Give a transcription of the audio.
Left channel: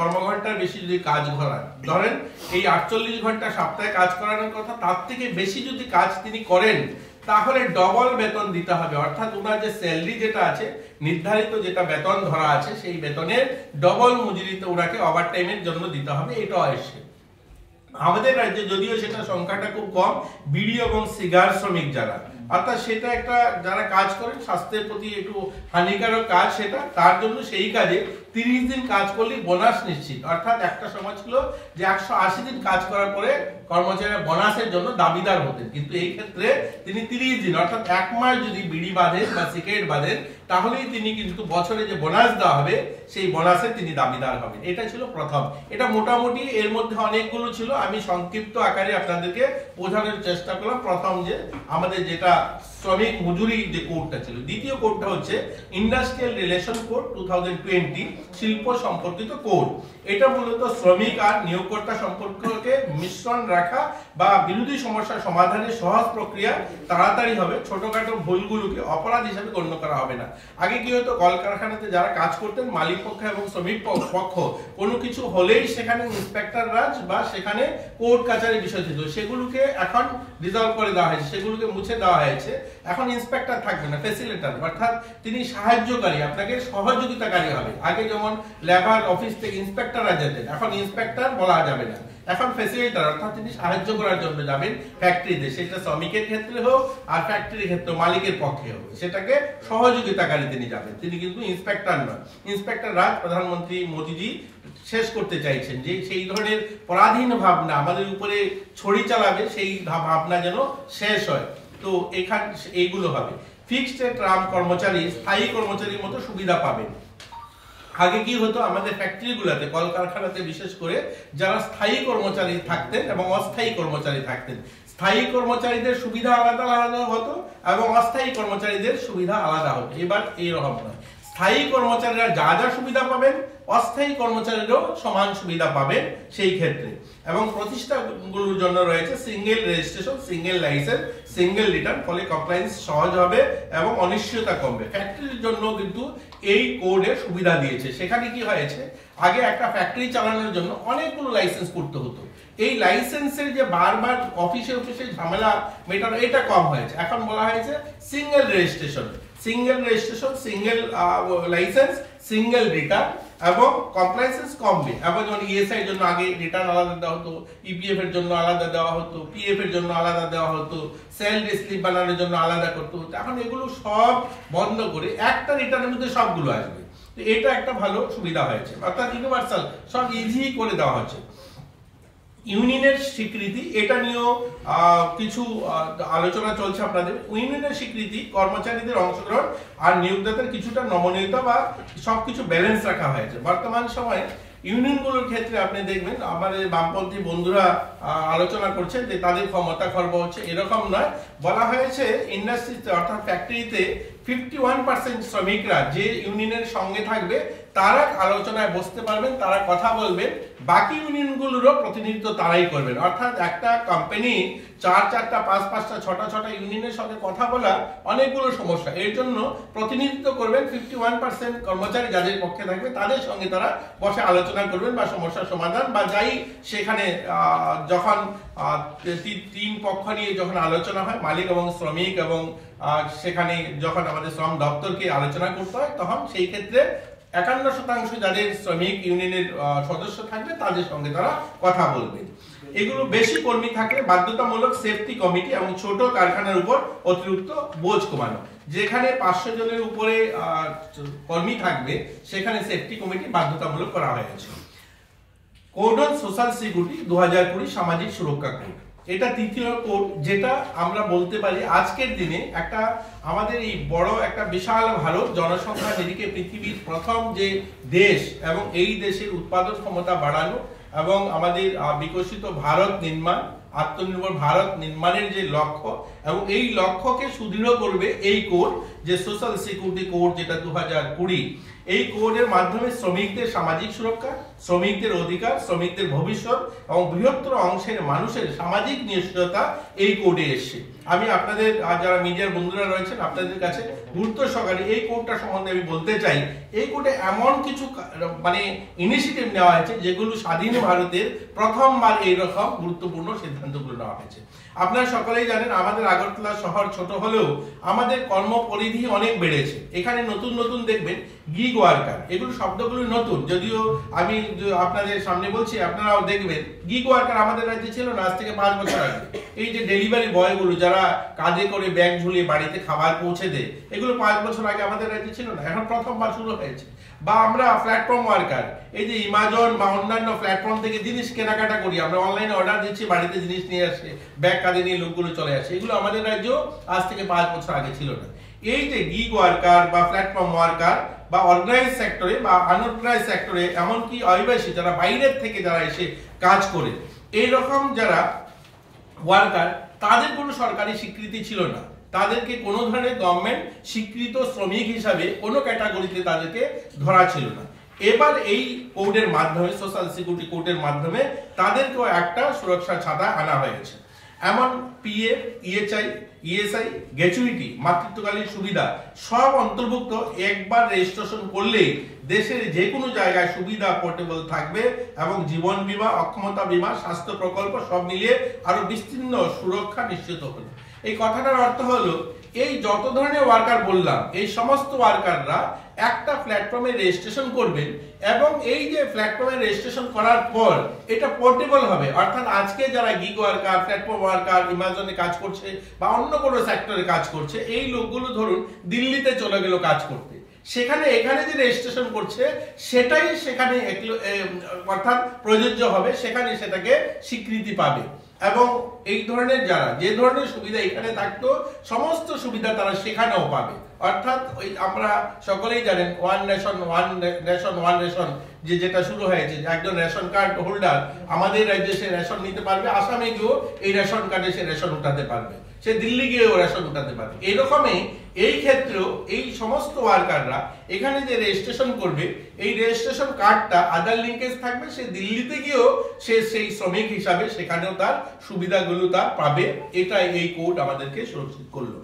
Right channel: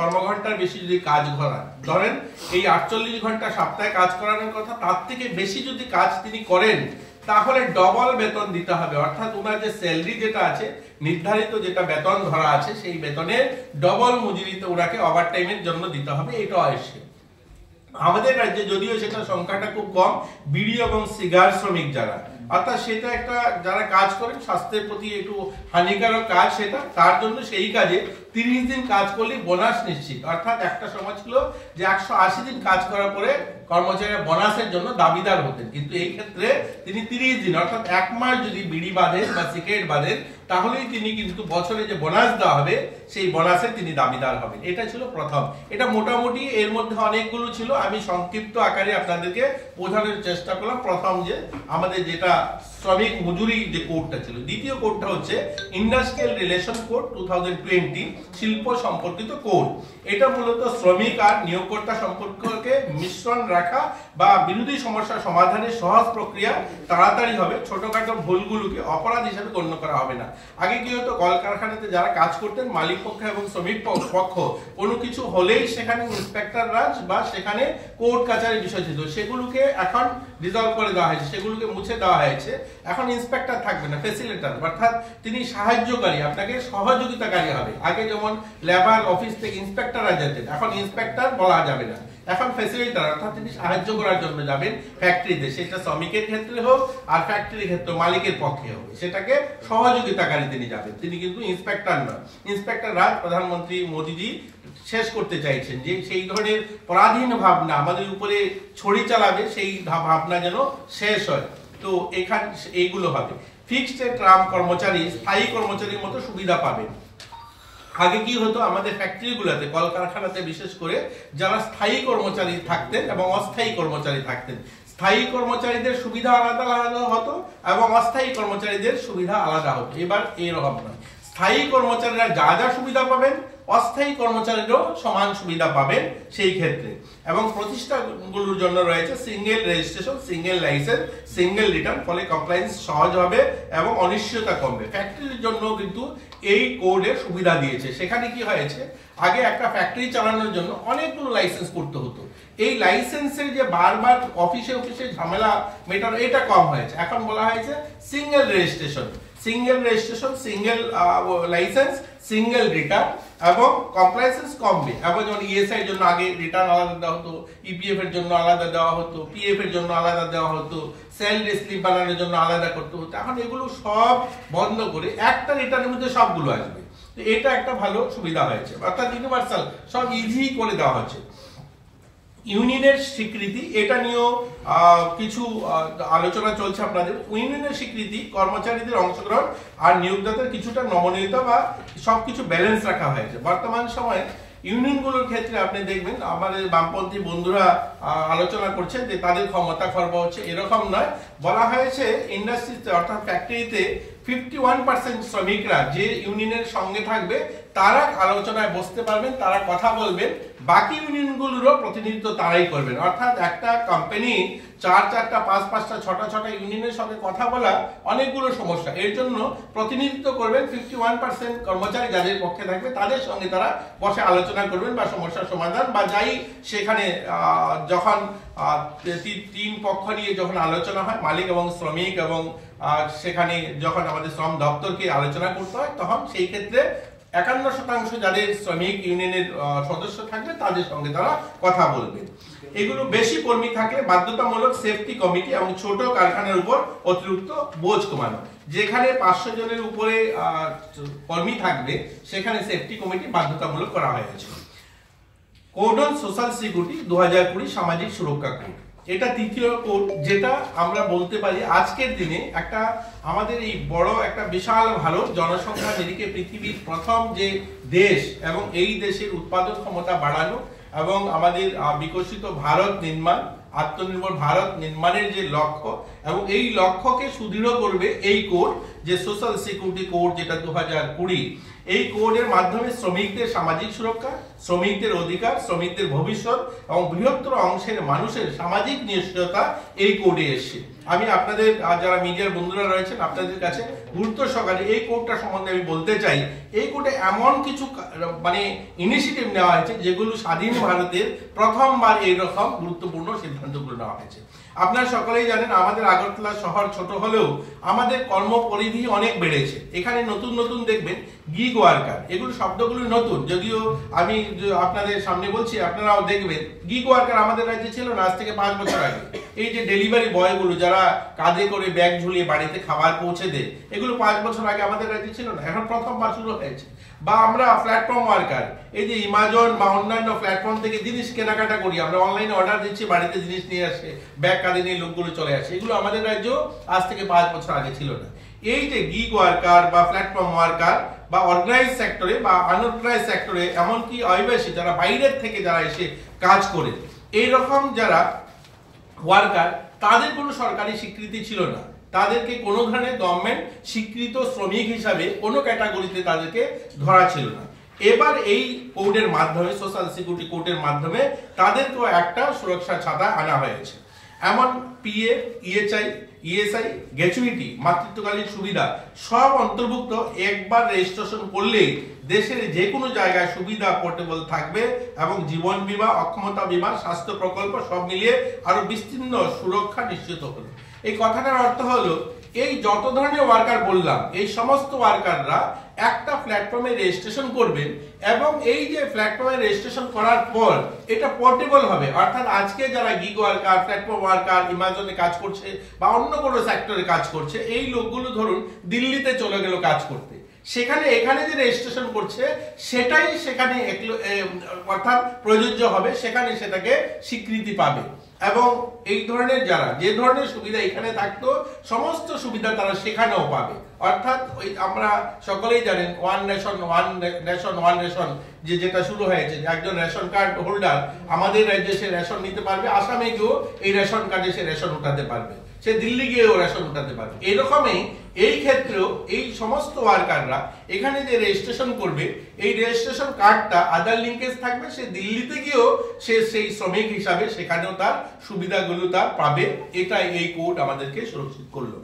কর্মঘণ্টার বেশি যদি কাজ করান, ধরেন এই 48 ঘন্টা সপ্তাহে কাজ করানোর কথা, তার থেকে বেশি যদি কাজ তিনি করেন তাহলে ডবল বেতন দিতে হবে। অর্থাৎ ওনার যে স্যালারি যেটা আছে, নির্ধারিত যেটা বেতন ধরা আছে, সেই বেতনের ডবল মজুরিতে ওনাকে ওভারটাইমের জন্য দিতে হবে। এটা আসে আমাদের রাজ্যে, যদিও সেটা সংখ্যাটা খুব কম, বিড়ি এবং সিগার শ্রমিক যারা, অর্থাৎ সেটা একটা যারা কাজ করেন স্বাস্থ্যের প্রতি একটু হানিকারক কাজ সেটা, তার জন্য সেই কাজে 30 দিন কাজ করলে বোনাস নিশ্চিত। অর্থাৎ একটা সময় ছিল যে 180 দিন কাজ করার পরে কর্মচারীরা বোনাসের জন্য দাবিদার হতেন, কিন্তু এই ক্ষেত্রে তিনি 30 দিন অর্থাৎ 1 মাস যদি বিড়ি বাঁধেন বা সিগারেট বাঁধেন তাহলেই তিনি কিন্তু বছরে যে বোনাস দেওয়া হবে সেই বোনাসের তিনি দাবিদার হবেন। এটা ছিল প্রথম। এটা মোটামুটি এর মধ্যে অনেকগুলো ছিল, আমি সংক্ষিপ্ত আকারে আপনাদেরকে বোঝানোর চেষ্টা করলাম। প্রথম যে আমাদের যেটা শ্রমিক মজুরি যে কোডটা ছিল। দ্বিতীয় কোডটা হচ্ছে ইন্ডাস্ট্রিয়াল রিলেশন কোড 2020, শিল্প সম্পর্কিত কোড। এটা মূলত শ্রমিক আর নিয়োগকর্তা সম্পর্ককে মিশ্রণ রাখা বা বিরোধী সমস্যা সমাধানের সহজ প্রক্রিয়া তাড়াতাড়ি হবে, ছোটখাটো ভুলগুলোকে অপরাধ হিসেবে গণ্য করা হবে না। আগে কি হতো, কলকারখানাতে যারা কাজ করতেন মালিক পক্ষ এবং শ্রমিক পক্ষ কোনো কিছু হলেই সেখানে ইন্সপেক্টর রাজ বা সেখানে কোর্ট কাচারির বিষয় ছিল, সেগুলোকে এখন রিজলভ করে দেওয়া হয়েছে, সেগুলোকে মুছে দেওয়া হয়েছে। এখন ইন্সপেক্টর থাকবে না, ফ্যাসিলিটেটর, অর্থাৎ তিনি সাহায্যকারী, আপনাকে সহযোগিতাকারী হবে। আগে যেমন লেবার অফিস থেকে ইন্সপেক্টররা যেতেন, এখন ইন্সপেক্টর বলা যাবে না, এখন ফ্যাসিলিটেটর, অর্থাৎ তিনি সাহায্য করার জন্য যাবেন ফ্যাক্টরিতে, সেটা শ্রমিকের ক্ষেত্রে হোক আর ফ্যাক্টরির ক্ষেত্রে মালিকের পক্ষে হবে, সেটাকে সহযোগিতাকারী তিনি যাবেন, তিনি কিন্তু ইন্সপেক্টর নয়। ইন্সপেক্টর রাজ প্রধানমন্ত্রী মোদীজি শেষ করতে চাইছেন, যে সেই ধরনের পরাধীন ভাবনা আমাদের উপরে ছড়ি চালাবে, সেই ভাবনা যেন শেষ হয়। তো এখানে এইগুলো হবে। ফিক্সড টার্ম কর্মচারী স্থায়ী কর্মচারীর মতো সুবিধা পাবেন। আগে কি হতো, আমাদের ফ্যাক্টরিগুলোতে কলকারখানাতে বিশেষ করে যারা স্থায়ী কর্মচারী থাকতেন এবং অস্থায়ী কর্মচারী থাকতেন, স্থায়ী কর্মচারীদের সুবিধা আলাদা আলাদা হতো এবং অস্থায়ী কর্মচারীদের সুবিধা আলাদা হতো। এবার এরকম নয়, স্থায়ী কর্মচারীরা যা যা সুবিধা পাবেন অস্থায়ী কর্মচারীরাও সমান সুবিধা পাবেন সেই ক্ষেত্রে। এবং প্রতিষ্ঠানগুলোর জন্য রয়েছে single registration, single licence, single return, ফলে কমপ্লায়েন্স সহজ হবে এবং অনিশ্চয়তা কমবে। ফ্যাক্টরির জন্য কিন্তু এই কোডে সুবিধা দিয়েছে। সেখানে কি হয়েছে, আগে একটা ফ্যাক্টরি চালানোর জন্য অনেকগুলো লাইসেন্স করতে হতো, এই লাইসেন্সের যে বারবার অফিসে ঝামেলা মেটানো, এটা কম হয়েছে। এখন বলা হয়েছে single registration, single registration, single licence, single return এবং কমপ্লায়েন্স কমবে। এবং যেমন ইএসআই এর জন্য আগে রিটার্ন আলাদা দেওয়া হতো, ইপিএফ এর জন্য আলাদা দেওয়া হতো, পিএফ এর জন্য আলাদা দেওয়া হতো, স্যালারি স্লিপ বানানোর জন্য আলাদা করতে হতো। এখন এগুলো সব বন্ধ করে একটা রিটার্নের মধ্যে সবগুলো আসবে। তো এটা একটা ভালো সুবিধা হয়েছে, অর্থাৎ ইউনিভার্সাল, সব ইজি করে দেওয়া হচ্ছে। ইউনিয়নের স্বীকৃতি, এটা নিয়েও কিছু আলোচনা চলছে আপনাদের। ইউনিয়নের স্বীকৃতি, কর্মচারীদের অংশগ্রহণ আর নিয়োগদাতার কিছুটা নমনীয়তা বা সবকিছু ব্যালেন্স রাখা হয়েছে। বর্তমান সময়ে ইউনিয়নগুলোর ক্ষেত্রে আপনি দেখবেন আমাদের বামপন্থী বন্ধুরা আলোচনা করছেন যে তাদের ক্ষমতা খর্ব হচ্ছে, এরকম নয়। বলা হয়েছে ইন্ডাস্ট্রিতে অর্থাৎ ফ্যাক্টরিতে 51% শ্রমিকরা যে ইউনিয়নের সঙ্গে থাকবে তারা আলোচনায় বসতে পারবেন, তারা কথা বলবেন, বাকি ইউনিয়নগুলোরও প্রতিনিধিত্ব তারাই করবেন। অর্থাৎ একটা কোম্পানি 4-4টা 5-5টা 6টা ইউনিয়নের সঙ্গে কথা বলা অনেকগুলো সমস্যা, এর জন্য প্রতিনিধিত্ব করবেন 51% কর্মচারী যাদের পক্ষে থাকবে, তাদের সঙ্গে তারা বসে আলোচনা করবেন বা সমস্যার সমাধান বা যাই সেখানে যখন 3 পক্ষ নিয়ে যখন আলোচনা হয়, মালিক এবং শ্রমিক, এবং সেখানে যখন আমাদের শ্রম দপ্তরকে আলোচনা করতে হয়, তখন সেই ক্ষেত্রে 51% যাদের শ্রমিক ইউনিয়নের সদস্য থাকবে তাদের সঙ্গে তারা কথা বলবেন। এগুলো বেশি কর্মী থাকলে বাধ্যতামূলক সেফটি কমিটি এবং ছোট কারখানার উপর অতিরিক্ত বোঝ কমানো। যেখানে 500 জনের উপরে কর্মী থাকবে সেখানে সেফটি কমিটি বাধ্যতামূলক করা হয়েছে। কোড অন সোশ্যাল সিকিউরিটি 2020 সামাজিক সুরক্ষা কোড, এটা তৃতীয় কোড, যেটা আমরা বলতে পারি আজকের দিনে একটা আমাদের এই বড় একটা বিশাল ভারত জনসংখ্যা নিরিখে পৃথিবীর প্রথম যে দেশ এবং এই দেশের উৎপাদন ক্ষমতা বাড়ানো এবং আমাদের বিকশিত ভারত নির্মাণ, আত্মনির্ভর ভারত নির্মাণের যে লক্ষ্য এবং এই লক্ষ্যকে সুদৃঢ় করবে এই কোড, যে সোশ্যাল সিকিউরিটি কোড যেটা 2020। এই কোডের মাধ্যমে শ্রমিকদের সামাজিক সুরক্ষা, শ্রমিকদের অধিকার, শ্রমিকদের ভবিষ্যৎ এবং বৃহত্তর অংশের মানুষের সামাজিক নিশ্চয়তা এই কোডে এসছে। আমি আপনাদের যারা মিডিয়ার বন্ধুরা রয়েছেন আপনাদের কাছে গুরুত্ব সহকারে এই কোডটা সম্বন্ধে আমি বলতে চাই। এই কোডে এমন কিছু মানে ইনিশিয়েটিভ নেওয়া হয়েছে যেগুলো স্বাধীন ভারতের প্রথমবার এইরকম গুরুত্বপূর্ণ সিদ্ধান্তগুলো নেওয়া হয়েছে। আপনারা সকলেই জানেন আমাদের আগরতলা শহর ছোট হলেও আমাদের কর্মপরিধি অনেক বেড়েছে। এখানে নতুন নতুন দেখবেন গিগ ওয়ার্কার, এগুলো শব্দগুলো নতুন, যদিও আমি আপনাদের সামনে বলছি আপনারাও দেখবেন। গিগ ওয়ার্কার আমাদের রাজ্যে ছিল না আজ থেকে 5 বছর আগে। এই যে ডেলিভারি বয়গুলো যারা কাঁধে করে ব্যাগ ঝুলিয়ে বাড়িতে খাবার পৌঁছে দেয়, এগুলো 5 বছর আগে আমাদের রাজ্যে ছিল না, এখন প্রথমবার শুরু হয়েছে। বা আমরা প্ল্যাটফর্ম ওয়ার্কার, এই যে অ্যামাজন বা অন্যান্য প্ল্যাটফর্ম থেকে জিনিস কেনাকাটা করি, আমরা অনলাইনে অর্ডার দিচ্ছি, বাড়িতে জিনিস নিয়ে আসে, ব্যাগ কাঁধে নিয়ে লোকগুলো চলে আসে, এগুলো আমাদের রাজ্য আজ থেকে 5 বছর আগে ছিল না। এই যে গিগ ওয়ার্কার বা প্ল্যাটফর্ম ওয়ার্কার বা অর্গানাইজ সেক্টরে বা আনঅর্গানাইজ সেক্টরে, এমনকি অভিবাসী যারা বাইরের থেকে যারা এসে কাজ করে, এইরকম যারা ওয়ার্কার, তাদের কোনো সরকারি স্বীকৃতি ছিল না। তাদেরকে কোনো ধরনের গভর্নমেন্ট স্বীকৃত শ্রমিক হিসাবে কোনো ক্যাটাগরিতে তাদেরকে ধরা ছিল না। এবার এই কোডের মাধ্যমে, সোশ্যাল সিকিউরিটি কোডের মাধ্যমে তাদেরকেও একটা সুরক্ষা ছাতা আনা হয়েছে। এমন পিএফ, ইএচআই, ইএসআই, গ্র্যাচুইটি, মাতৃত্বকালীন সুবিধা সব অন্তর্ভুক্ত। একবার রেজিস্ট্রেশন করলেই দেশের যে কোনো জায়গায় সুবিধা পোর্টেবল থাকবে এবং জীবন বীমা, অক্ষমতা বীমা, স্বাস্থ্য প্রকল্প সব মিলিয়ে আরো বিস্তীর্ণ সুরক্ষা নিশ্চিত হলো। এই কথাটার অর্থ হলো এই যত ধরনের ওয়ার্কার বললাম, এই সমস্ত ওয়ার্কাররা একটা প্ল্যাটফর্মে রেজিস্ট্রেশন করবেন এবং এই যে প্ল্যাটফর্মে রেজিস্ট্রেশন করার পর এটা পোর্টেবল হবে। অর্থাৎ আজকে যারা গিগ ওয়ার্কার, প্ল্যাটফর্ম ওয়ার্কার, অ্যামাজনে কাজ করছে বা অন্য কোনো সেক্টরে কাজ করছে, এই লোকগুলো ধরুন দিল্লিতে চলে গেল কাজ করতে, সেখানে এখানে যে রেজিস্ট্রেশন করছে সেটাই সেখানে অর্থাৎ প্রযোজ্য হবে, সেখানে সেটাকে স্বীকৃতি পাবে। এবং এই ধরনের যারা যে ধরনের সুবিধা এখানে থাকতো সমস্ত সুবিধা তারা সেখানেও পাবে। অর্থাৎ ওই আমরা সকলেই জানেন ওয়ান নেশন ওয়ান রেশন যেটা শুরু হয়েছে, একজন রেশন কার্ড হোল্ডার আমাদের রাজ্যে সে রেশন নিতে পারবে, আসামে গিয়েও এই রেশন কার্ডে সে রেশন উঠাতে পারবে, সে দিল্লি গিয়েও রেশন উঠাতে পারবে। এইরকমই এই ক্ষেত্রেও এই সমস্ত ওয়ার্কাররা এখানে যে রেজিস্ট্রেশন করবে, এই রেজিস্ট্রেশন কার্ডটা আধার লিঙ্কেজ থাকবে, সে দিল্লিতে গিয়েও সে সেই শ্রমিক হিসাবে সেখানেও তার সুবিধাগুলো তার পাবে। এটা এই কোড আমাদেরকে সুরক্ষিত করলো।